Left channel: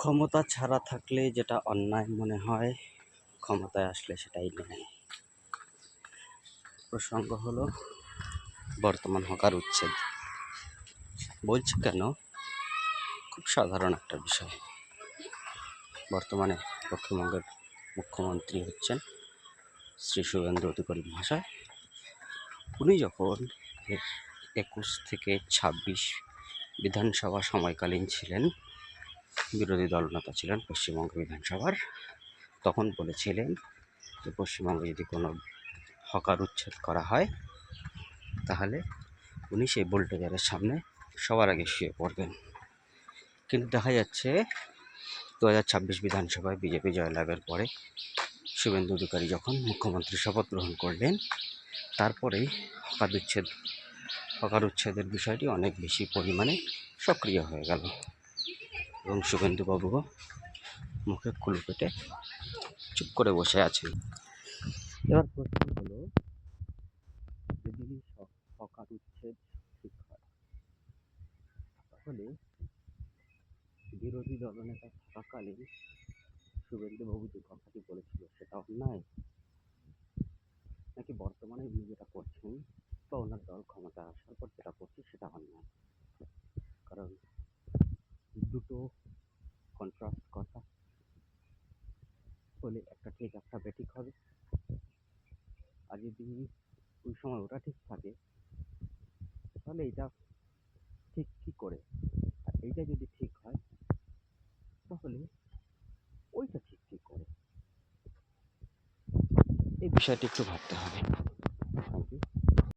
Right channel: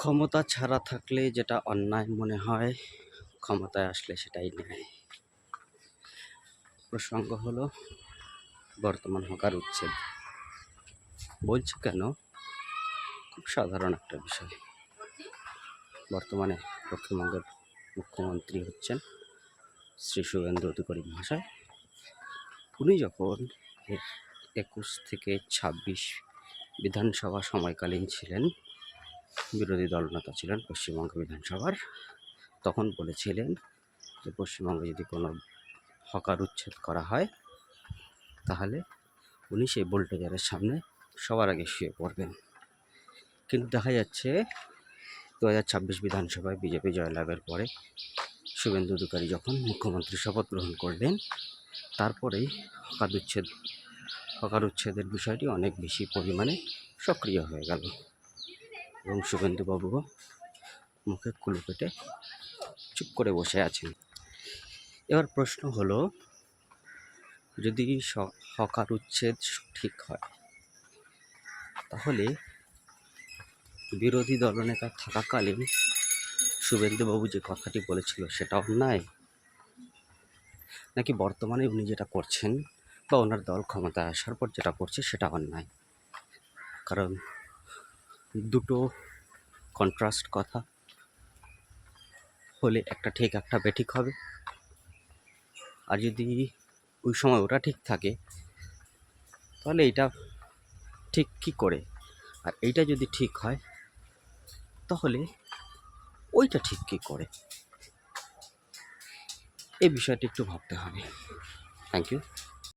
ক্ষমতা ছাড়া থাকলে যেটা অন্যায় মনে হয়, ক্ষমতায় আসলে সেটাই ন্যায়। প্রসঙ্গ হলো বর্তমান হকার উচ্ছেদ। বলছি কেন, খুব সাধারণ একটা বিষয়। বর্তমানে পশ্চিমবঙ্গের মুখ্যমন্ত্রী হচ্ছেন শ্রী শুভেন্দু অধিকারী মহাশয়। উনি যখন 21 থেকে 26 বিধানসভা সময়কালীন ছিলেন, বিরোধী দলনেতা ছিলেন পশ্চিমবঙ্গ বিধানসভার, তখন বলেছিলেন যে পশ্চিমবঙ্গে যদি কোনো হকার উচ্ছেদ করা হয় তাহলে উনি সেই বুলডোজারের সামনে সবার আগে শুয়ে পড়বেন। কিন্তু দেখা যাচ্ছে 2026 বিধানসভায় বিজেপি জয়লাভের পরে শুভেন্দু অধিকারী যখন মুখ্যমন্ত্রী শপথ গ্রহণ করলেন, তারপরেই হকার উচ্ছেদের বিষয়টি অনেক বেশি পরিমাণে সক্রিয় হয়ে গেল এবং শুভেন্দুবাবুও মুখে কুলু পেটে চুপ করে বসে আছেন। এবার প্রশ্ন হলো, যদি হকার উচ্ছেদ ঠিক হয় তাহলে বিরোধী দলনেতা থাকাকালীন শুভেন্দুবাবু যে কথাটি বলেছিল সেটা অন্যায়, নাকি বর্তমানে উনি যেটা করছেন বা ওনার দল ক্ষমতায় আসার পর যেটা করছে সেটা অন্যায়? কারণ দুটো কন্ট্রাস্ট কথা হলে একটা ঠিক একটা বেঠিক হবে। আর যদি ওই সময় ওটা ঠিক থাকে তাহলে এইটা ঠিক কী করে? আর এইটা যদি ঠিক হয় তাহলে ওইটা ঠিক কী করে? এই বিষয়টি একটু ভাবতে হবে। Thank you.